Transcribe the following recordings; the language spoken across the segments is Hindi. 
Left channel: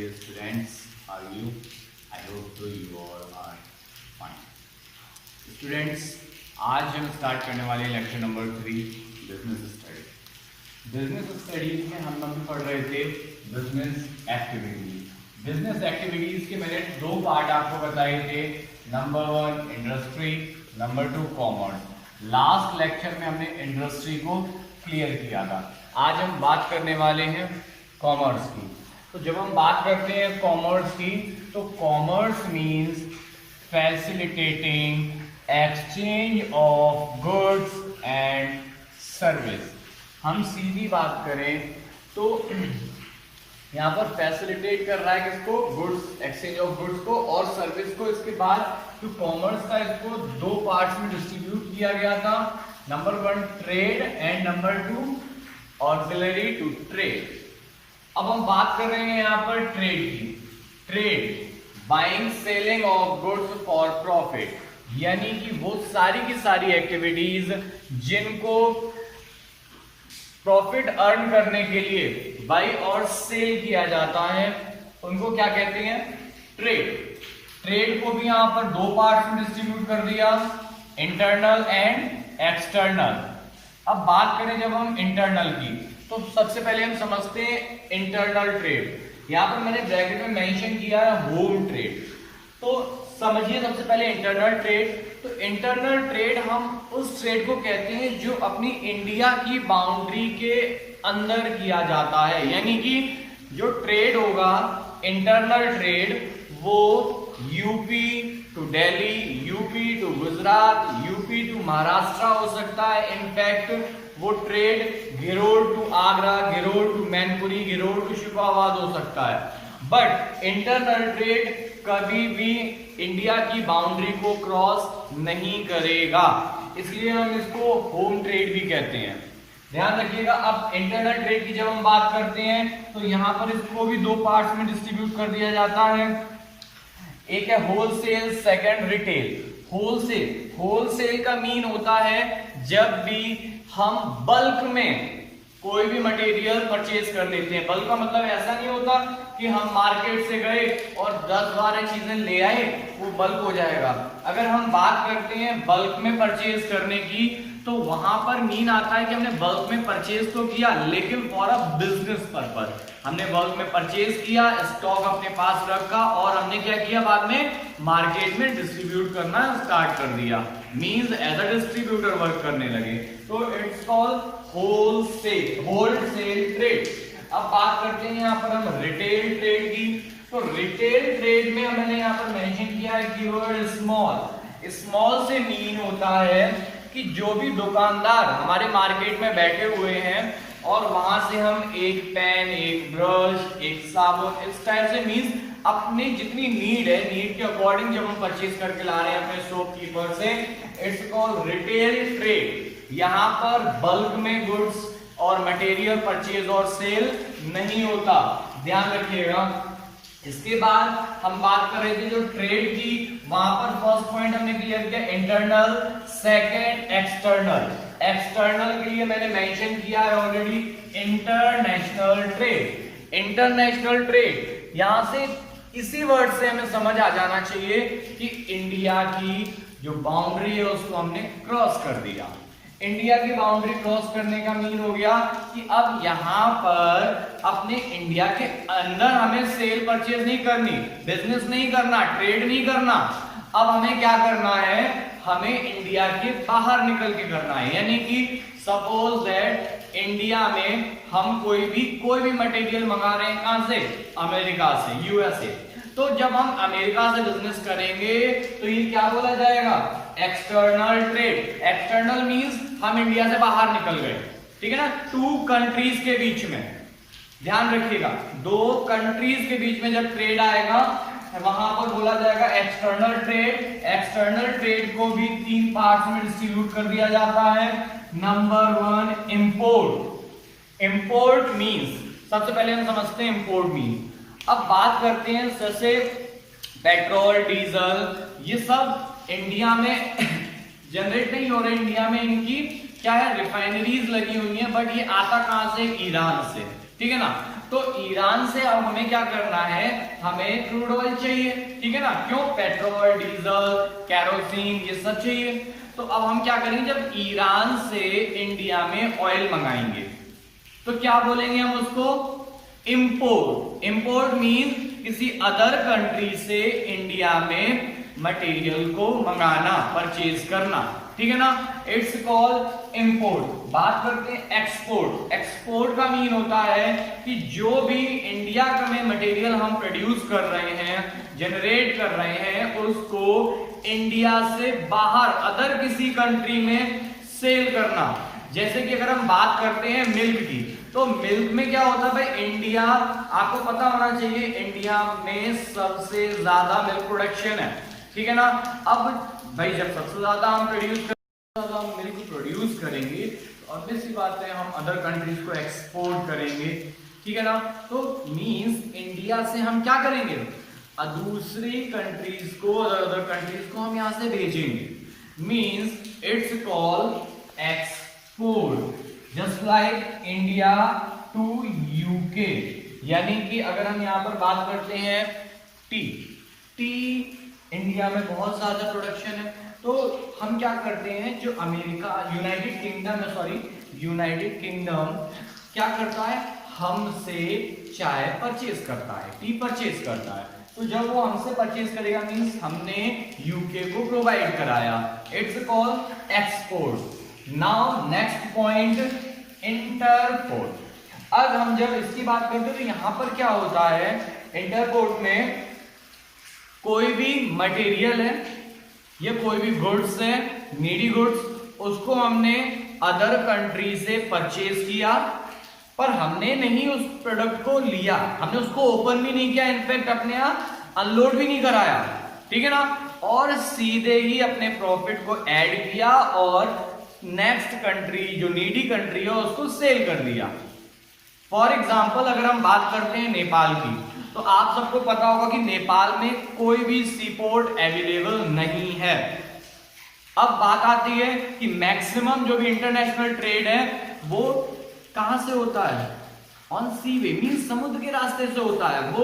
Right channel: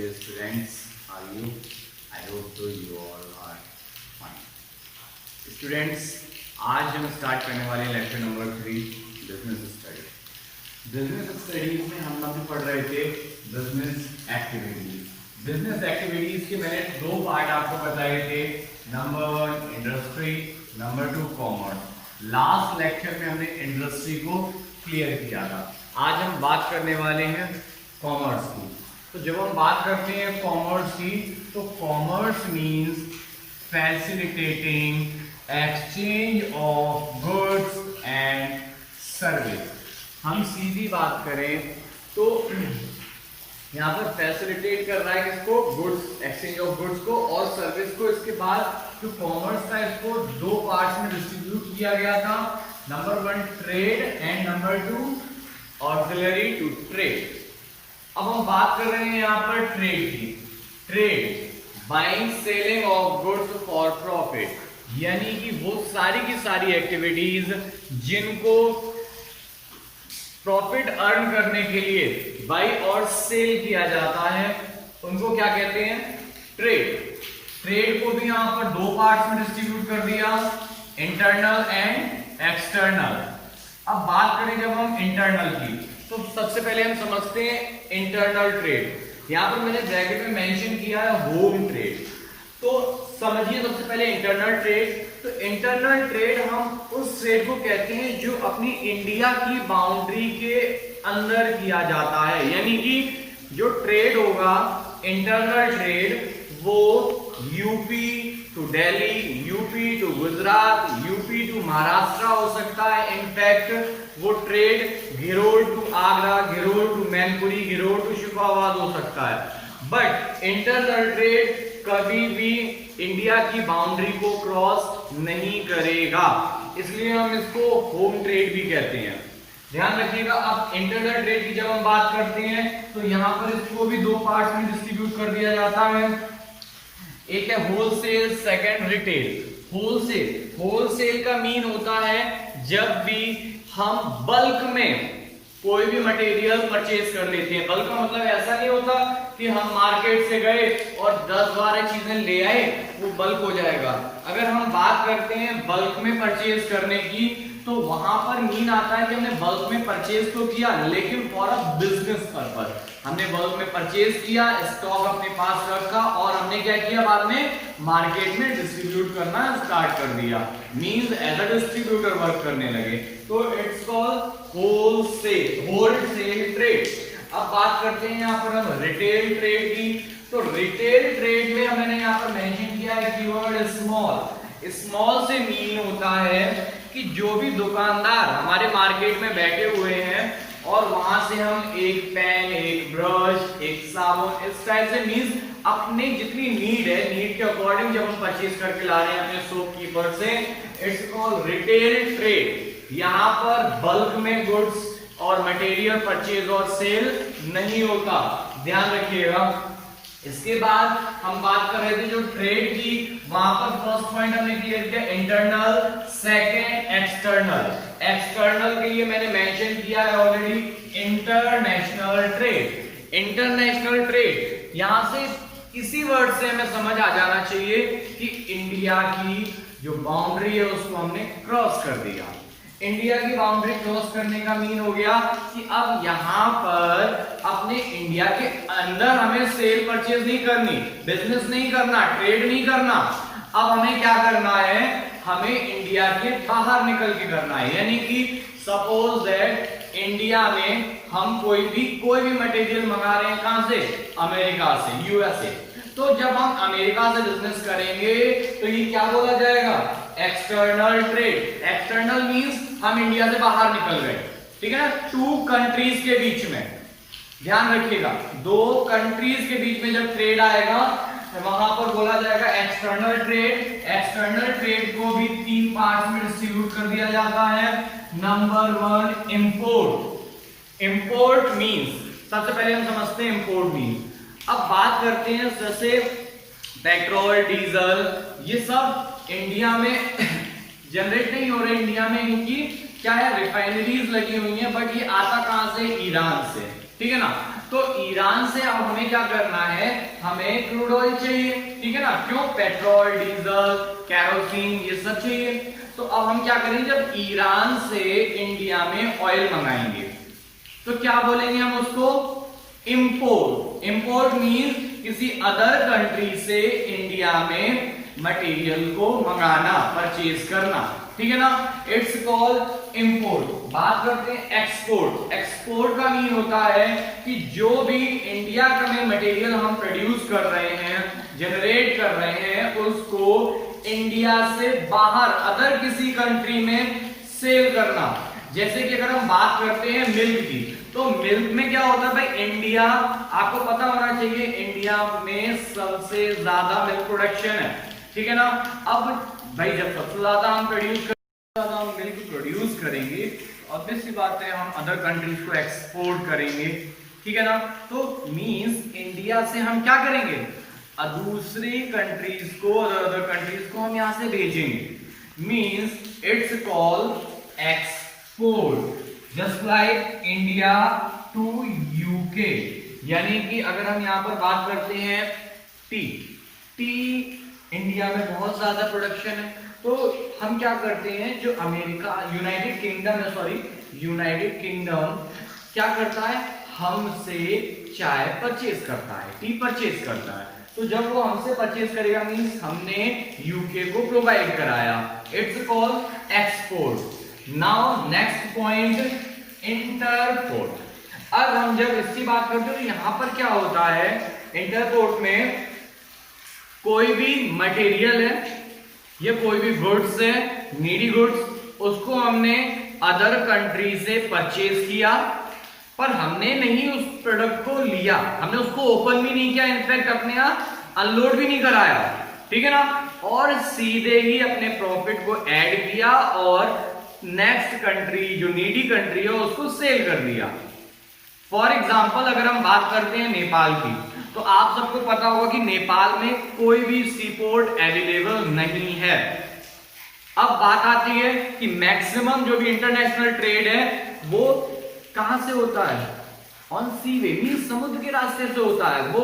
dear students, how are you? I hope so you all are fine. Students, आज हम स्टार्ट करने वाले हैं lecture number 3 business studies. Business studies में हम लोग पढ़ रहे थे बिजनेस एक्टिविटीज। बिजनेस एक्टिविटीज के मैंने दो पार्ट आपको बताए थे, number 1 industry, number 2 commerce. Last lecture में हमने इंडस्ट्री को क्लियर किया था। आज हम बात करने वाले हैं कॉमर्स की। तो जब हम बात करते हैं कॉमर्स की, तो commerce means facilitating exchange of goods and service. हम सीधी बात करें तो यहाँ पर फैसिलिटेट कर रहा है किसको? गुड्स, एक्सचेंज ऑफ गुड्स को और सर्विस को। इसके बाद जो कॉमर्स था इसको दो पार्ट्स में डिस्ट्रीब्यूट किया गया था, number 1 trade and number 2 auxiliary to trade. अब हम बात कर रहे हैं यहाँ पर ट्रेड की। Trade buying selling of goods for profit, यानी कि वो सारी की सारी एक्टिविटीज जिनको प्रॉफिट अर्न करने के लिए बाई और सेल किया जाता है उनको क्या कहते हैं? ट्रेड। ट्रेड को भी यहां पर दो पार्ट्स में डिस्ट्रीब्यूट कर दिया, इंटरनल एंड एक्सटर्नल। अब बात करें जब हम इंटरनल की, तो सबसे पहले हम समझते हैं इंटरनल ट्रेड। यहां पर मैंने ब्रैकेट में मेंशन किया है होम ट्रेड। तो समझिए सबसे पहले इंटरनल ट्रेड। तो इंटरनल ट्रेड हम उस ट्रेड को कहते हैं जो अपनी इंडिया की बाउंड्री के अंदर किया जाता है, यानी कि जो ट्रेड होगा इंटरनल ट्रेड वो UP to Delhi, UP to Gujarat, UP to Maharashtra हो सकता है। इनफैक्ट वो trade Girod to Agra, Girod to Mainpuri, Girod to Shukabad हो सकता है। बट इंटरनल ट्रेड कभी भी इंडिया की बाउंड्री को क्रॉस नहीं करेगा, इसलिए हम इसको होम ट्रेड भी कहते हैं। ध्यान रखिएगा। अब इंटरनल ट्रेड की जब हम बात करते हैं तो यहां पर इसको भी दो पार्ट्स में डिस्ट्रीब्यूट कर दिया जाता है। एक है होलसेल, सेकंड रिटेल। होलसेल का मीन होता है जब भी हम बल्क में कोई भी मटेरियल परचेज कर लेते हैं। बल्क का मतलब ऐसा नहीं होता कि हम मार्केट से गए और 10-12 चीजें ले आए, वो बल्क हो जाएगा। अगर हम बात करते हैं बल्क में परचेज करने की, तो वहां पर मीन आता है कि हमने बल्क में परचेज तो किया लेकिन फॉर अ बिजनेस पर्पस। हमने बल्क में परचेज किया, स्टॉक अपने पास रखा और हमने क्या किया, बाद में मार्केट में डिस्ट्रीब्यूट करना स्टार्ट कर दिया। Means as a distributor work करने लगे। तो इट्स कॉल्ड होलसेल ट्रेड। अब बात करते हैं यहाँ पर हम रिटेल ट्रेड की। तो रिटेल ट्रेड में मैंने यहाँ पर मेंशन किया है कीवर्ड स्मॉल। स्मॉल से मीन होता है कि जो भी दुकानदार हमारे मार्केट में बैठे हुए हैं और वहां से हम एक पेन, एक ब्रश, एक साबुन, इस टाइप से मींस अपनी जितनी नीड है, नीड के अकॉर्डिंग जब हम परचेज करके ला रहे हैं अपने शॉपकीपर से, इट्स कॉल्ड रिटेल ट्रेड। यहाँ पर बल्क में गुड्स और मटेरियल परचेज और सेल नहीं होता, ध्यान रखिएगा। इसके बाद हम बात कर रहे थे जो ट्रेड की, वहां पर फर्स्ट पॉइंट हमने क्लियर किया इंटरनल, सेकंड एक्सटर्नल। एक्सटर्नल के लिए मैंने मेंशन किया है already international trade. International trade यहां से इसी वर्ड से हमें समझ आ जाना चाहिए कि इंडिया की जो बाउंड्री है उसको हमने क्रॉस कर दिया। इंडिया की बाउंड्री क्रॉस करने का मीन हो गया कि अब यहां पर अपने इंडिया के अंदर हमें सेल परचेज नहीं करनी, बिजनेस नहीं करना, ट्रेड नहीं करना। अब हमें क्या करना है, हमें इंडिया के बाहर निकल के करना है। यानी कि सपोज दैट इंडिया में हम कोई भी मटेरियल मंगा रहे हैं, कहां से? अमेरिका से, यूएसए। तो जब हम अमेरिका से बिजनेस करेंगे तो ये क्या बोला जाएगा? External trade. एक्सटर्नल मींस हम इंडिया से बाहर निकल गए, ठीक है ना, टू कंट्रीज के बीच में। ध्यान रखिएगा, दो कंट्रीज के बीच में जब ट्रेड आएगा वहां पर बोला जाएगा एक्सटर्नल ट्रेड। एक्सटर्नल ट्रेड को भी 3 पार्ट्स में डिस्ट्रीब्यूट कर दिया जाता है। Number 1 import. इंपोर्ट मींस, सबसे पहले हम समझते हैं इंपोर्ट मींस। अब बात करते हैं जैसे पेट्रोल, डीजल, ये सब इंडिया में जनरेट नहीं हो रहे। इंडिया में इनकी क्या है, रिफाइनरीज लगी हुई हैं, बट ये आता कहां से? ईरान से, ठीक है ना। तो ईरान से अब हमें क्या करना है, हमें क्रूड ऑयल चाहिए, ठीक है ना, क्यों, पेट्रोल, डीजल, कैरोसिन ये सब चाहिए। तो अब हम क्या करेंगे, जब ईरान से इंडिया में ऑयल मंगाएंगे तो क्या बोलेंगे हम उसको, इंपोर्ट। इंपोर्ट मींस किसी अदर कंट्री से इंडिया में मटेरियल को मंगाना, परचेज करना, ठीक है ना, इट्स कॉल्ड इंपोर्ट। बात करते हैं एक्सपोर्ट। एक्सपोर्ट का मीन होता है कि जो भी इंडिया में मटेरियल हम प्रोड्यूस कर रहे हैं, जनरेट कर रहे हैं, उसको इंडिया से बाहर अदर किसी कंट्री में सेल करना। जैसे कि अगर हम बात करते हैं मिल्क की, तो मिल्क में क्या होता है भाई, इंडिया, आपको पता होना चाहिए इंडिया में सबसे ज्यादा मिल्क प्रोडक्शन है, ठीक है ना। अब भाई जब सबसे ज्यादा हम मिल्क प्रोड्यूस करेंगे तो ऑब्वियस सी बात है हम अदर कंट्रीज को एक्सपोर्ट करेंगे, ठीक है ना। तो मींस इंडिया से हम क्या करेंगे, दूसरी कंट्रीज को, अदर कंट्रीज को हम यहां से भेजेंगे, means it's called export. Just like India to UK, यानी कि अगर हम यहां पर बात करते हैं टी इंडिया में बहुत ज्यादा प्रोडक्शन है, तो हम क्या करते हैं, जो अमेरिका, यूनाइटेड किंगडम क्या करता है, हमसे चाय परचेज करता है, टी परचेज करता है। तो जब वो हमसे परचेज करेगा मींस हमने यूके को प्रोवाइड कराया, it's called export. Now next point, interport. अब हम जब इसकी बात करते हैं तो यहां पर क्या होता है, इंटरपोर्ट में कोई भी मटेरियल है या कोई भी गुड्स है, नीडी गुड्स, उसको हमने अदर कंट्री से परचेज किया, पर हमने नहीं उस प्रोडक्ट को लिया, हमने उसको ओपन भी नहीं किया, इनफैक्ट अपने यहाँ अनलोड भी नहीं कराया, ठीक है ना, और सीधे ही अपने प्रॉफिट को ऐड किया और नेक्स्ट कंट्री, जो नीडी कंट्री है, उसको सेल कर दिया। फॉर एग्जाम्पल अगर हम बात करते हैं नेपाल की, तो आप सबको पता होगा कि नेपाल में कोई भी सी पोर्ट अवेलेबल नहीं है। अब बात आती है कि मैक्सिमम जो भी इंटरनेशनल ट्रेड है वो कहां से होता है, ऑन सी वे, मींस समुद्र के रास्ते से होता है, वो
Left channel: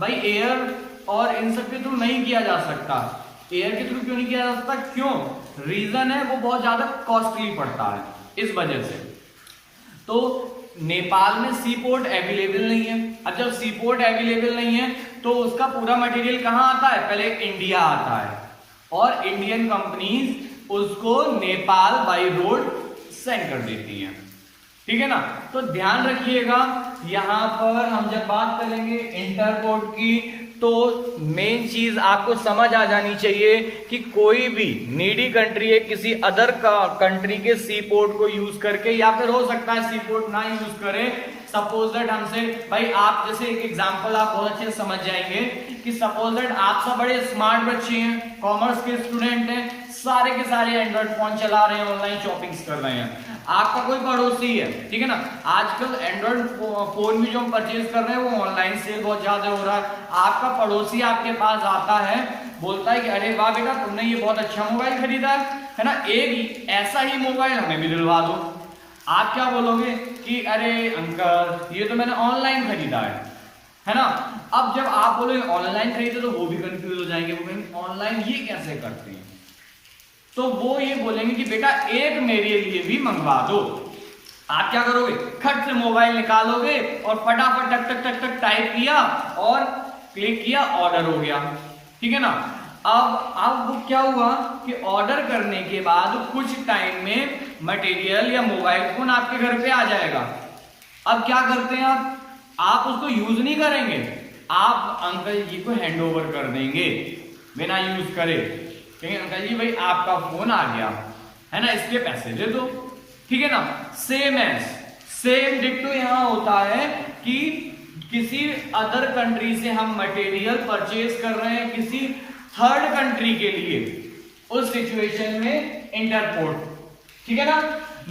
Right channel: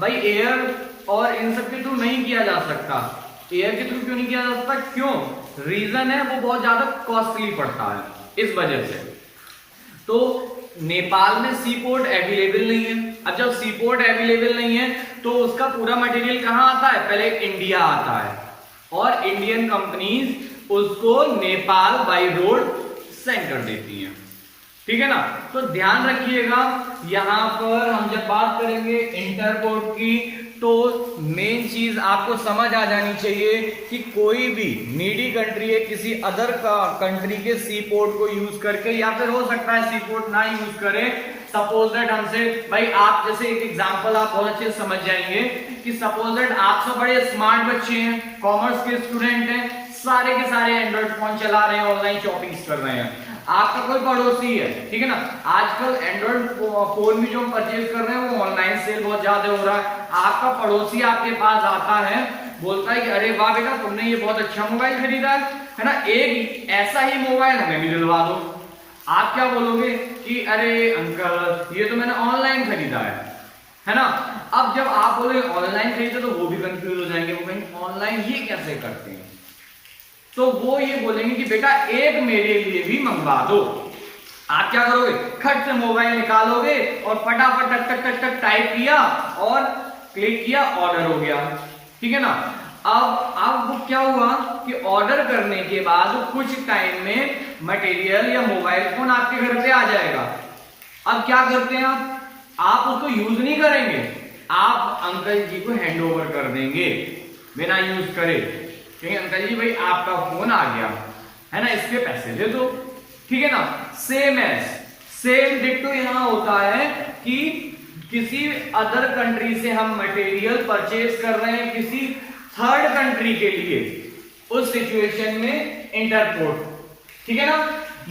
भाई एयर और इन सब के थ्रू नहीं किया जा सकता। एयर के थ्रू क्यों नहीं किया जा सकता, क्यों, रीजन है वो बहुत ज्यादा कॉस्टली पड़ता है, इस वजह से। तो नेपाल में सी पोर्ट अवेलेबल नहीं है। अब जब सी पोर्ट अवेलेबल नहीं है तो उसका पूरा मटेरियल कहां आता है, पहले इंडिया आता है और इंडियन कंपनीज उसको नेपाल बाय रोड सेंड कर देती हैं, ठीक है ना। तो ध्यान रखिएगा, यहां पर हम जब बात करेंगे इंटरपोर्ट की, तो मेन चीज आपको समझ आ जानी चाहिए कि कोई भी नीडी कंट्री है किसी अदर कंट्री के सी पोर्ट को यूज करके, या फिर हो सकता है सी पोर्ट ना यूज करे, सपोज दैट हमसे, भाई आप जैसे एक एग्जांपल आप बहुत अच्छे से समझ जाएंगे कि सपोज दैट आप सब बड़े स्मार्ट बच्चे हैं, कॉमर्स के स्टूडेंट हैं, सारे के सारे एंड्रॉइड फोन चला रहे हैं, ऑनलाइन शॉपिंग कर रहे हैं, आपका कोई पड़ोसी है, ठीक है ना, आजकल एंड्रॉइड फोन भी जो हम परचेज कर रहे हैं वो ऑनलाइन सेल बहुत ज्यादा हो रहा है, आपका पड़ोसी आपके पास आता है, बोलता है कि अरे वाह बेटा तुमने ये बहुत अच्छा मोबाइल खरीदा है ना, एक ऐसा ही मोबाइल हमें भी दिलवा दो। आप क्या बोलोगे कि अरे अंकल ये तो मैंने ऑनलाइन खरीदा है ना। अब जब आप बोले ऑनलाइन खरीदे तो वो भी कंफ्यूज हो जाएंगे, वो कहेंगे ऑनलाइन ये कैसे करते हैं, तो वो ये बोलेंगे कि बेटा एक मेरे लिए भी मंगवा दो। आप क्या करोगे, खट से मोबाइल निकालोगे और फटाफट टक टक टक टक टाइप किया और क्लिक किया, ऑर्डर हो गया, ठीक है ना। अब वो क्या हुआ कि ऑर्डर करने के बाद कुछ टाइम में मटेरियल या मोबाइल फोन आपके घर पे आ जाएगा। अब क्या करते हैं आप उसको यूज नहीं करेंगे, आप अंकल जी को हैंड ओवर कर देंगे बिना यूज करे, क्योंकि अंकल जी भाई आपका फोन आ गया है ना, इसके पैसे दे दो, ठीक है ना। सेम डिट्टो यहां होता है कि किसी अदर कंट्री से हम मटेरियल परचेज कर रहे हैं किसी थर्ड कंट्री के लिए, उस सिचुएशन में इंटरपोर्ट, ठीक है ना।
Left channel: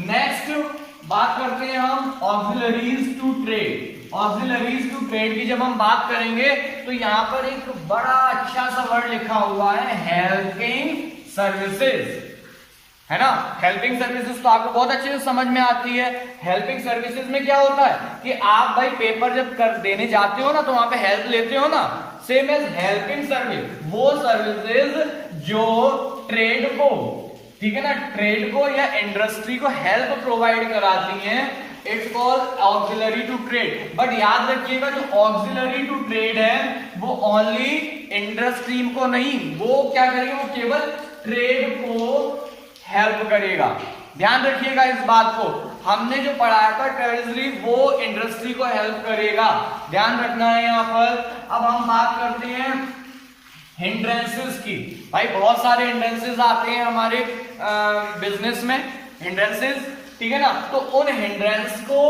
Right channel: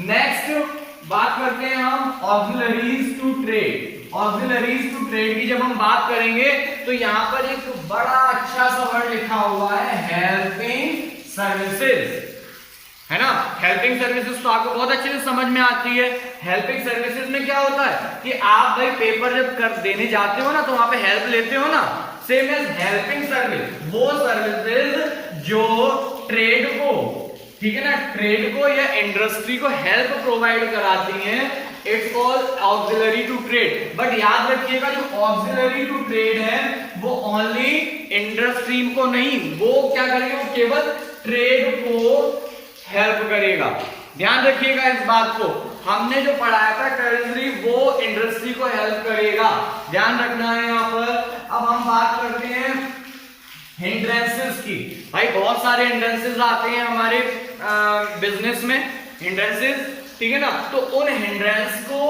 नेक्स्ट बात करते हैं हम auxiliaries to trade. Auxiliaries to trade की जब हम बात करेंगे तो यहां पर एक बड़ा अच्छा सा वर्ड लिखा हुआ है, हेल्पिंग सर्विसेज, है ना। हेल्पिंग सर्विसेज तो आपको बहुत अच्छे से समझ में आती है। हेल्पिंग सर्विसेज में क्या होता है कि आप भाई पेपर जब कर देने जाते हो ना तो वहां पे हेल्प लेते हो ना, सेम एज हेल्पिंग सर्विस, वो सर्विसेज जो ट्रेड को, ठीक है ना, ट्रेड को या इंडस्ट्री को हेल्प प्रोवाइड कराती हैं, it's called auxiliary to trade. But याद रखिएगा जो ऑक्सिलरी टू ट्रेड है वो ओनली इंडस्ट्री को नहीं, वो क्या करेगा, वो केवल ट्रेड को हेल्प करेगा। ध्यान रखिएगा इस बात को, हमने जो पढ़ाया था ट्रेजरी वो इंडस्ट्री को हेल्प करेगा, ध्यान रखना है यहाँ पर। अब हम बात करते हैं हिंड्रेंसेस की। भाई बहुत सारे हिंड्रेंसेस आते हैं हमारे बिजनेस में, हिंड्रेंसेस, ठीक है ना, तो उन हिंड्रेंस को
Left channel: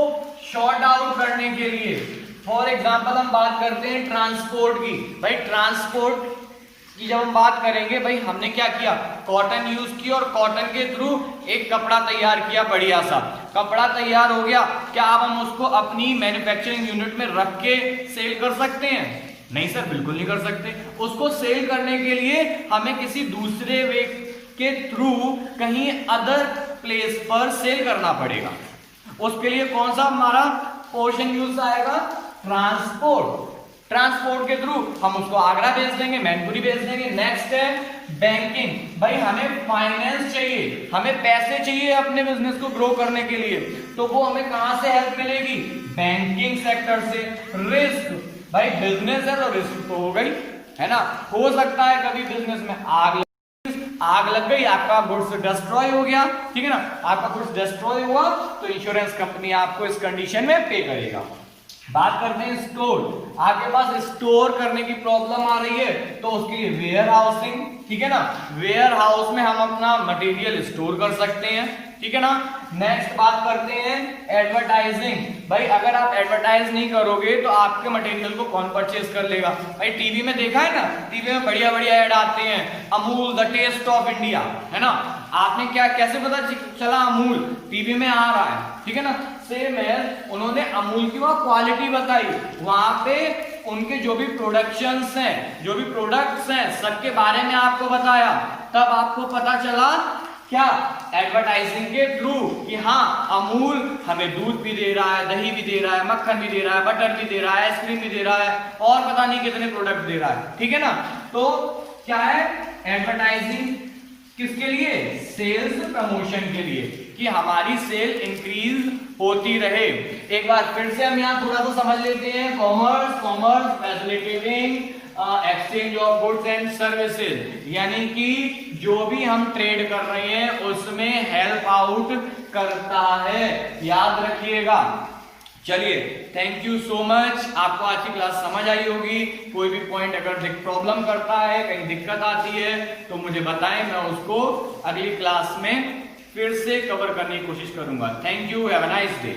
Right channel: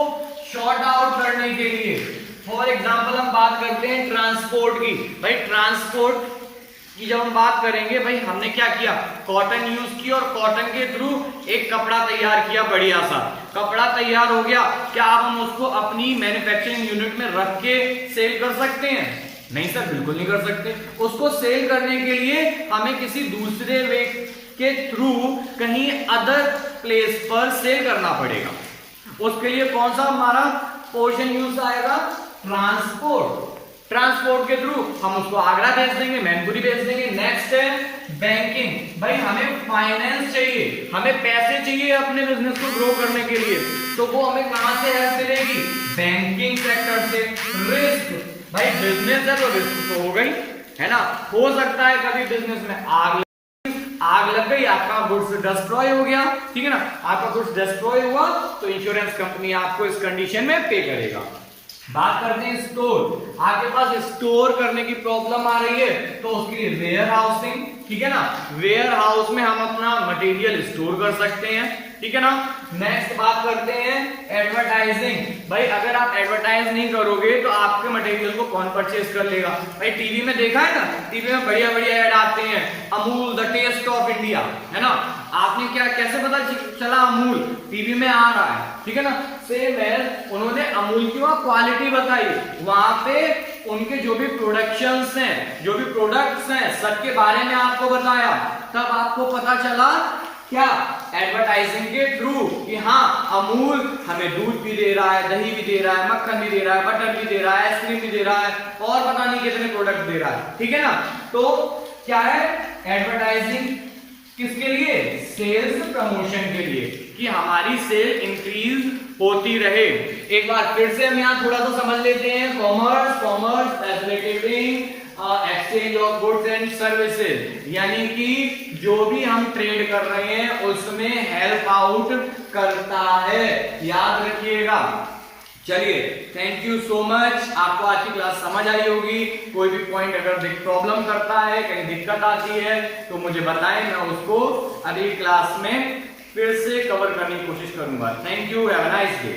शॉर्ट आउट करने के लिए फॉर एग्जांपल हम बात करते हैं ट्रांसपोर्ट की। भाई ट्रांसपोर्ट की जब हम बात करेंगे, भाई हमने क्या किया, कॉटन यूज की और कॉटन के थ्रू एक कपड़ा तैयार किया, बढ़िया सा कपड़ा तैयार हो गया, क्या अब हम उसको अपनी मैन्युफैक्चरिंग यूनिट में रख के सेल कर सकते हैं? नहीं सर, बिल्कुल नहीं कर सकते। उसको सेल करने के लिए हमें किसी दूसरे वे के थ्रू कहीं अदर प्लेस पर सेल करना पड़ेगा। उसके लिए कौन सा हमारा पोर्शन यूज आएगा, ट्रांसपोर्ट। ट्रांसपोर्ट के थ्रू हम उसको आगरा भेज देंगे, मैनपुरी भेज देंगे। नेक्स्ट है बैंकिंग। भाई हमें फाइनेंस चाहिए, हमें पैसे चाहिए अपने बिजनेस को ग्रो करने के लिए, तो वो हमें कहां से हेल्प मिलेगी, बैंकिंग सेक्टर से। रिस्क, भाई बिजनेस है तो रिस्क तो हो गई, है ना, हो सकता है कभी बिजनेस में आग लग गई, आपका गुड्स डिस्ट्रॉय हो गया, ठीक है ना, आपका गुड्स डिस्ट्रॉय हुआ तो इंश्योरेंस कंपनी आपको इस कंडीशन में पे करेगा। बात करते हैं स्टोर। आपके पास स्टोर करने की प्रॉब्लम आ रही है तो उसके लिए वेयर हाउसिंग, ठीक है ना, वेयर हाउस में हम अपना मटेरियल स्टोर कर सकते हैं, ठीक है ना। नेक्स्ट बात करते हैं एडवर्टाइजिंग। भाई अगर आप एडवर्टाइज नहीं करोगे तो आपके मटेरियल को कौन परचेज कर लेगा? भाई टीवी में देखा है ना, टीवी में बढ़िया बढ़िया ऐड आते हैं, Amul the taste of India, है ना, आपने क्या कैसे पता चला अमूल टीवी में आ रहा है, ठीक है ना। सेम है, उन्होंने अमूल की वहां क्वालिटी बताई, वहां पे उनके जो भी प्रोडक्शंस हैं, जो भी प्रोडक्ट्स हैं, सबके बारे में आपको बताया, तब आपको पता चला क्या, एडवर्टाइजिंग के थ्रू कि हाँ अमूल हमें दूध भी दे रहा है, दही भी दे रहा है, मक्खन भी दे रहा है, बटर भी दे रहा है, आइसक्रीम भी दे रहा है, और पता नहीं कितने प्रोडक्ट दे रहा है, ठीक है ना। तो क्या है एडवर्टाइजिंग, किसके लिए, सेल्स प्रमोशन के लिए, कि हमारी सेल इंक्रीज होती रहे। एक बार फिर से हम यहाँ थोड़ा सा समझ लेते हैं, commerce facilitating exchange of goods and services, यानी कि जो भी हम ट्रेड कर रहे हैं उसमें हेल्प आउट करता है, याद रखिएगा। चलिए, थैंक यू सो मच। आपको आज की क्लास समझ आई होगी। कोई भी पॉइंट अगर प्रॉब्लम करता है, कहीं दिक्कत आती है तो मुझे बताएं, मैं उसको अगली क्लास में फिर से कवर करने की कोशिश करूंगा। Thank you, have a nice day.